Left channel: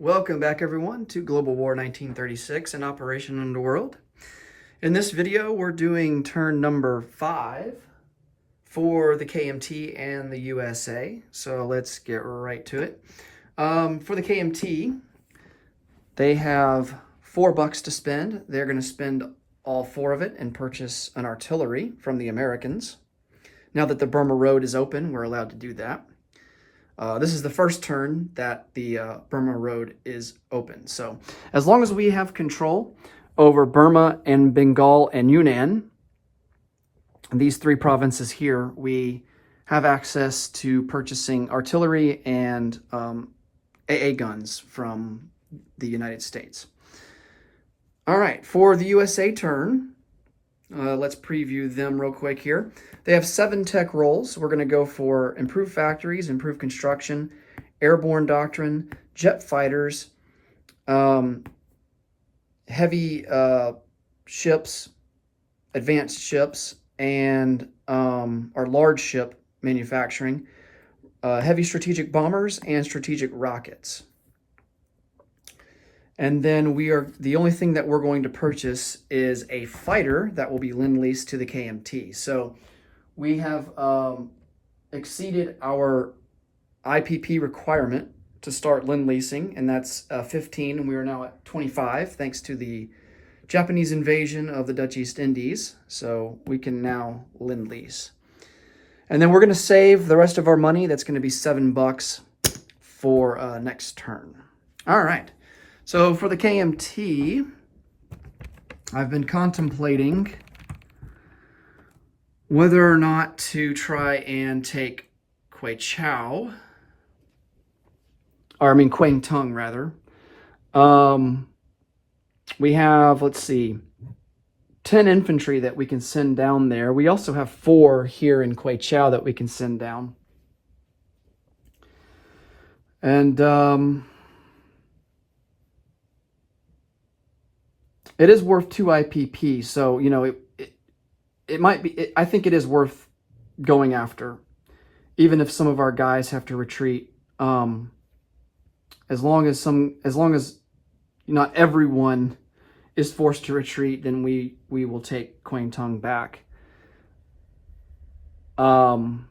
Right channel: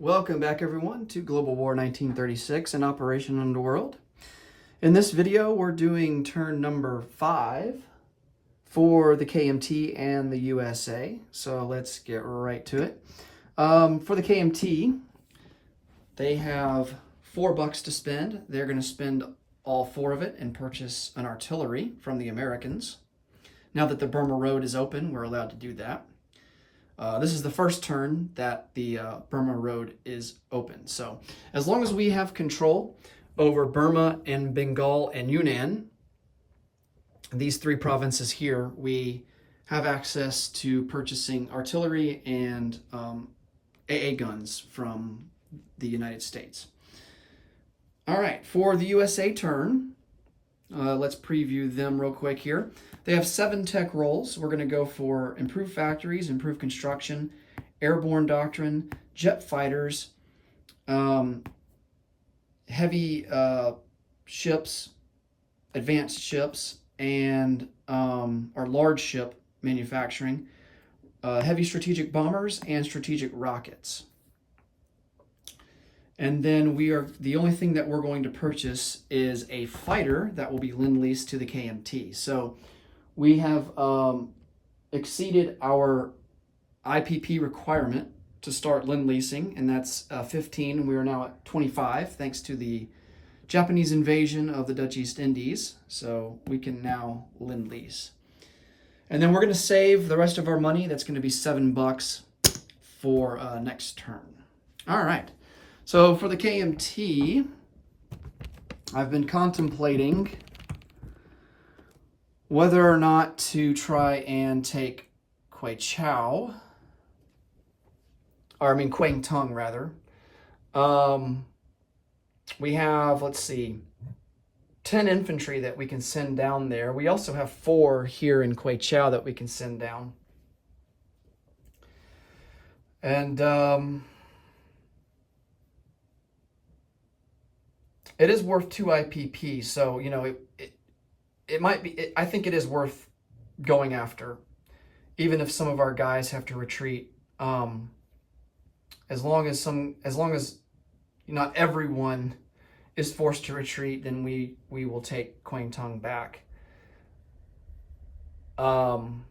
Welcome back everyone to Global War 1936 and Operation Underworld. In this video we're doing turn number 5 for the KMT and the USA. So let's get right to it. For the KMT, they have $4 to spend. They're going to spend all 4 of it and purchase an artillery from the Americans. Now that the Burma Road is open, we're allowed to do that. This is the first turn that the Burma Road is open. So as long as we have control over Burma and Bengal and Yunnan, these 3 provinces here, we have access to purchasing artillery and AA guns from the United States. All right, for the USA turn, let's preview them real quick here. They have 7 tech roles. We're going to go for improved factories, improved construction, airborne doctrine, jet fighters, heavy ships, advanced ships, and our large ship manufacturing, heavy strategic bombers, and strategic rockets. And then the only thing that we're going to purchase is a fighter that will be lend-leased to the KMT. So we have exceeded our IPP requirement to start lend-leasing, and that's 15, and we are now at 25 thanks to the Japanese invasion of the Dutch East Indies. So we can now lend-lease. And then we're going to save the rest of our money. That's going to be $7 for next turn. All right. So for the KMT, I've been contemplating whether or not to try and take Kwang Tung rather. We have, let's see, 10 infantry that we can send down there. We also have 4 here in Kwang that we can send down. And it is worth 2 IPP, so, you know, it might be, I think it is worth going after, even if some of our guys have to retreat. As long as not everyone is forced to retreat, then we will take Kwang Tung back. And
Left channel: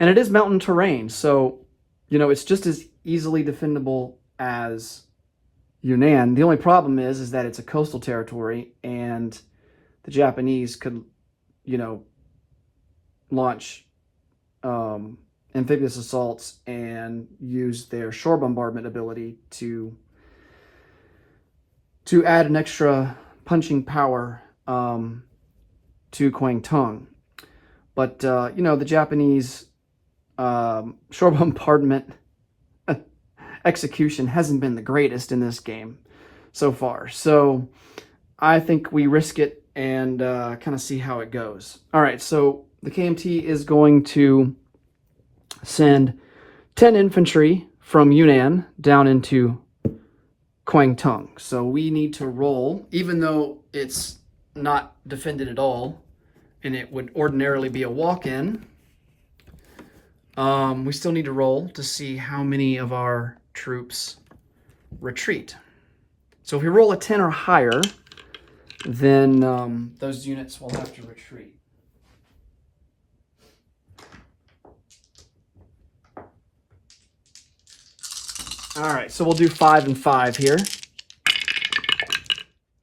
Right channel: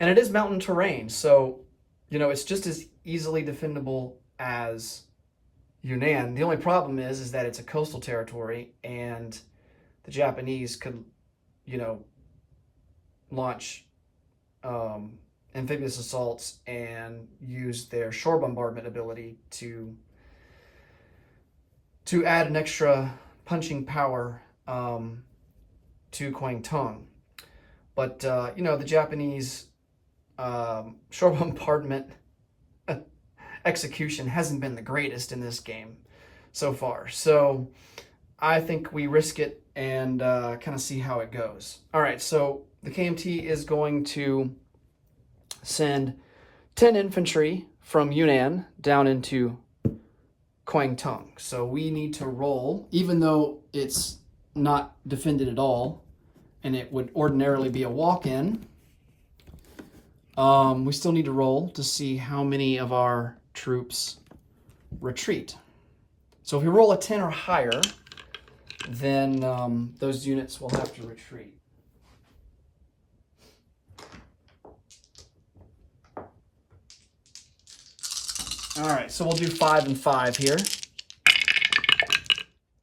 it is mountain terrain, so, you know, it's just as easily defendable as Yunnan. The only problem is that it's a coastal territory, and the Japanese could, you know, launch amphibious assaults and use their shore bombardment ability to add an extra punching power to Kwang Tung. But you know, the Japanese shore bombardment execution hasn't been the greatest in this game so far. So I think we risk it and kind of see how it goes. All right, so the KMT is going to send 10 infantry from Yunnan down into Kwang Tung. So we need to roll, even though it's not defended at all, and it would ordinarily be a walk-in. We still need to roll to see how many of our troops retreat. So if we roll a 10 or higher, then those units will have to retreat. All right, so we'll do 5 and 5 here.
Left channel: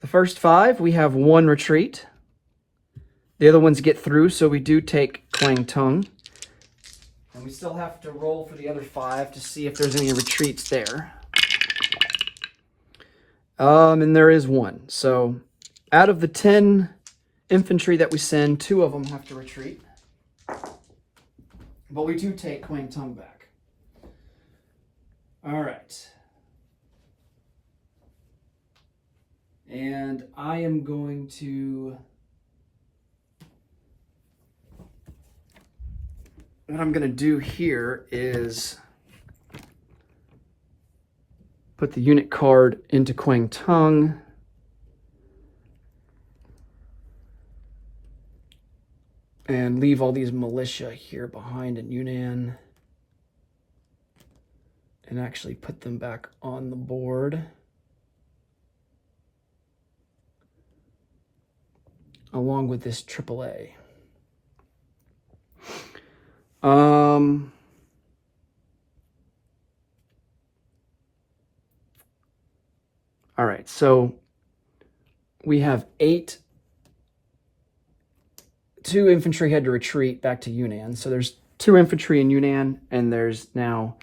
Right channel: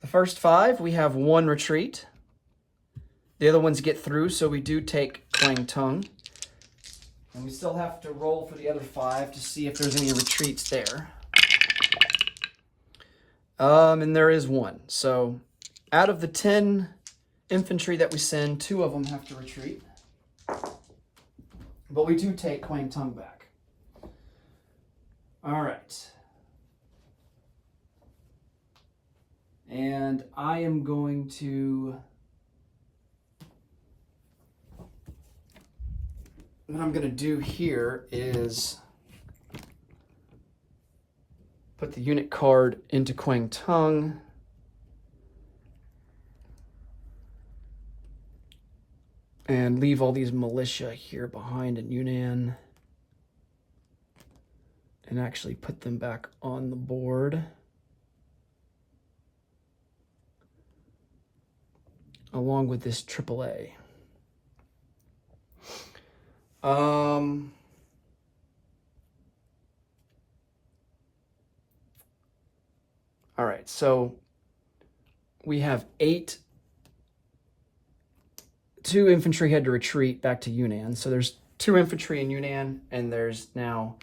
The first 5, we have 1 retreat. The other ones get through, so we do take Kwang Tung. And we still have to roll for the other 5 to see if there's any retreats there. And there is 1. So out of the 10 infantry that we send, 2 of them have to retreat. But we do take Kwang Tung back. All right. And I am going to... What I'm going to do here is put the unit card into Kwang Tung. And leave all these militia here behind in Yunnan. and actually put them back on the board. Along with this AAA. All right, so we have 2 infantry had to retreat back to Yunnan. So there's 2 infantry in Yunnan, and there's now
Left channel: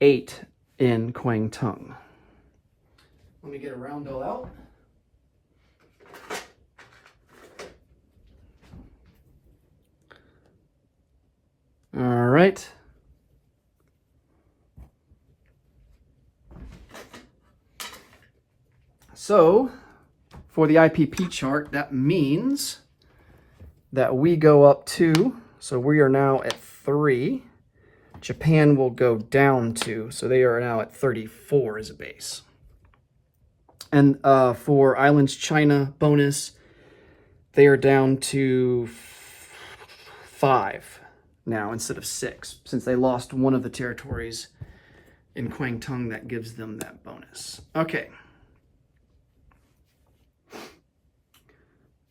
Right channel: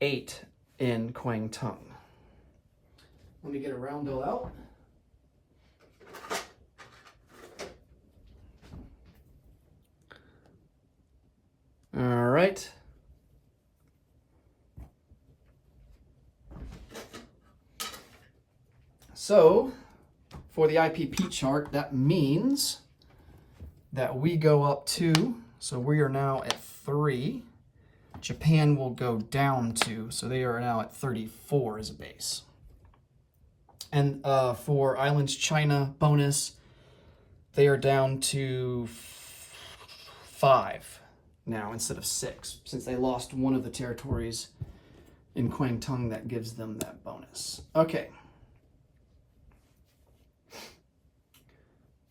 8 in Kwangtung. Let me get a roundel out. All right. So for the IPP chart, that means that we go up 2. So we are now at 3. Japan will go down 2. So they are now at 34 as a base. And for Islands China bonus, they are down to 5 now instead of 6, since they lost one of the territories in Kwangtung that gives them that bonus. Okay.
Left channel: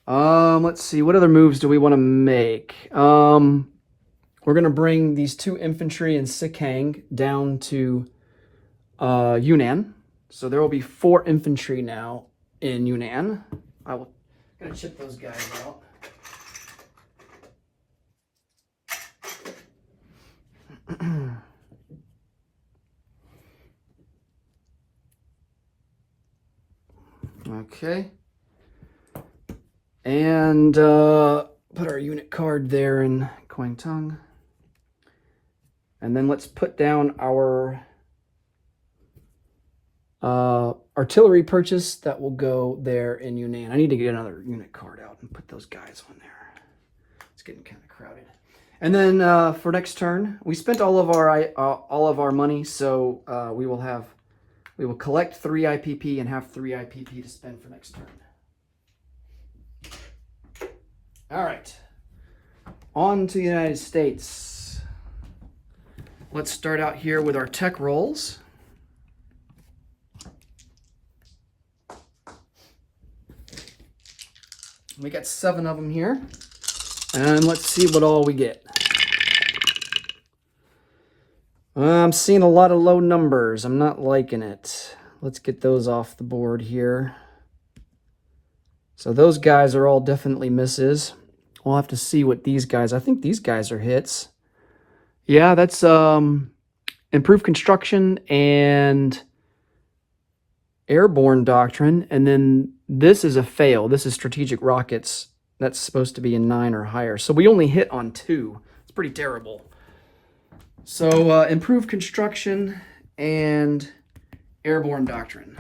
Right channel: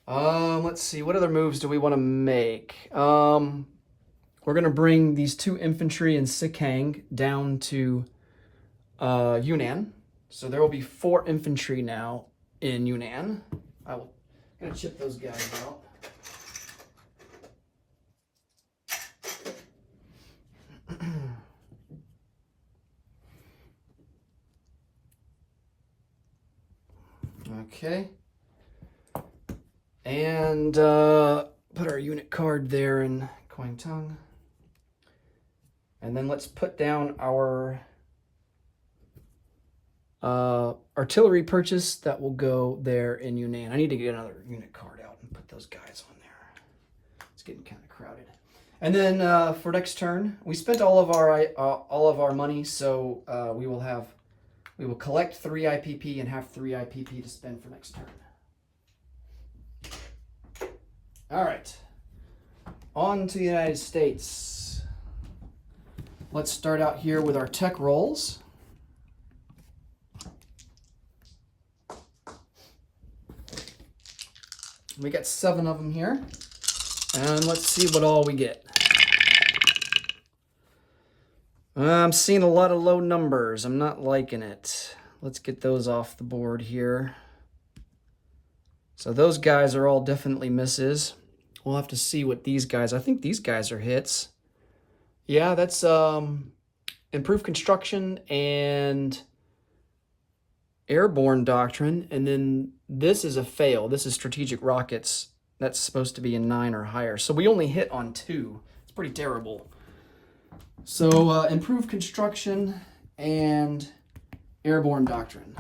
Let's see, what other moves do we want to make? We're going to bring these 2 infantry in Sikang down to Yunnan. So there will be 4 infantry now in Yunnan. I'm going to chip those guys out. Okay. And put our unit card there in Kwangtung. And then let's put down our artillery purchase that will go there in Yunnan. I need to get another unit card out and put those guys on there. It's getting kind of crowded. And then for next turn, we spent all of our money, so we will collect 3 IPP and have 3 IPP to spend for next turn. All right, on to the United States. Let's start out here with our tech rolls. We got 7 of them here, and let's see what all we get. I'm seeing a lot of low numbers. I'm not liking it. Let's get those off the board here. So those guys are all definitely misses. We'll have to see what these guys, I think these guys are hits. Yeah, that's improved construction and airborne doctrine. And then this is a fail. This is strategic rockets. That's supposed to be a 9 or higher. So we only hit on 2. It's pretty terrible. So improved construction and airborne doctrine.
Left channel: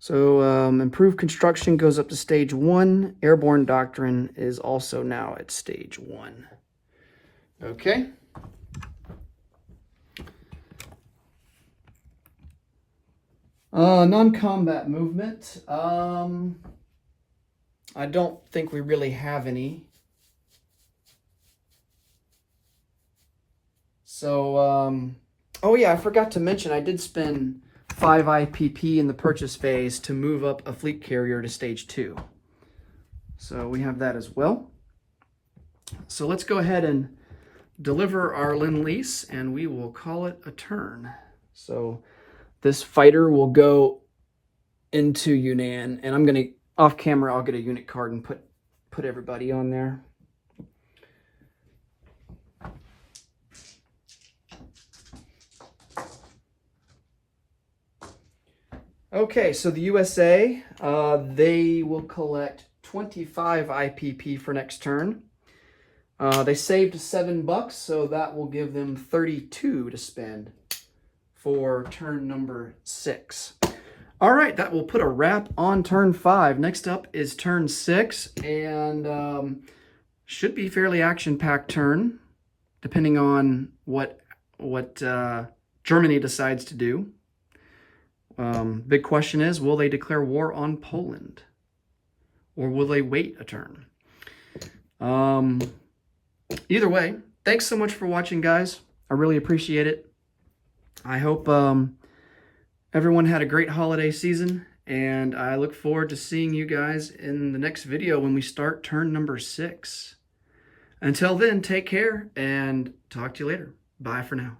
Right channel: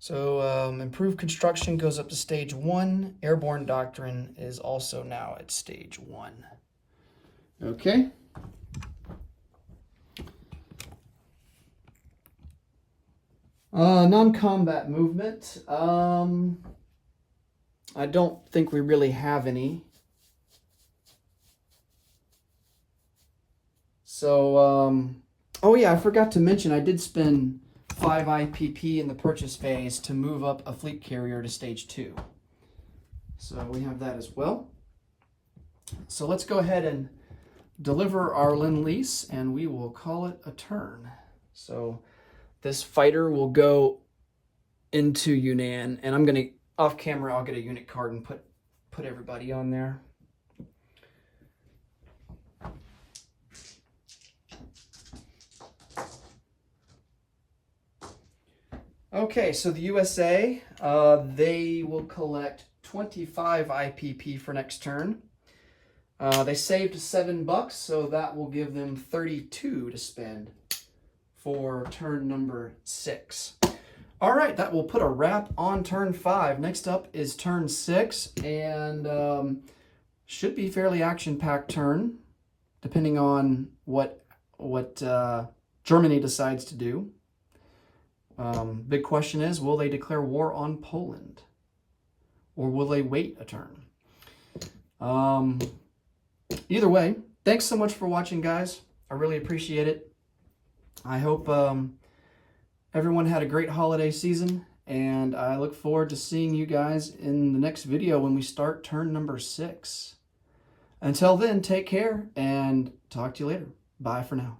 So improved construction goes up to stage 1. Airborne doctrine is also now at stage 1. Okay. Non-combat movement. I don't think we really have any. So, oh yeah, I forgot to mention I did spend 5 IPP in the purchase phase to move up a fleet carrier to stage 2. So we have that as well. So let's go ahead and deliver our Lend-Lease, and we will call it a turn. So this fighter will go into Yunnan, and I'm going to, off camera, I'll get a unit card and put everybody on there. Okay, so the USA, they will collect 25 IPP for next turn. They saved $7, so that will give them 32 to spend for turn number 6. All right, that will put a wrap on turn 5. Next up is turn 6, and should be fairly action-packed turn, depending on what Germany decides to do. Big question is, will they declare war on Poland? Or will they wait a turn? Either way, thanks so much for watching, guys. I really appreciate it. I hope everyone had a great holiday season, and I look forward to seeing you guys in the next video when we start turn number 6. Until then, take care and talk to you later. Bye for now.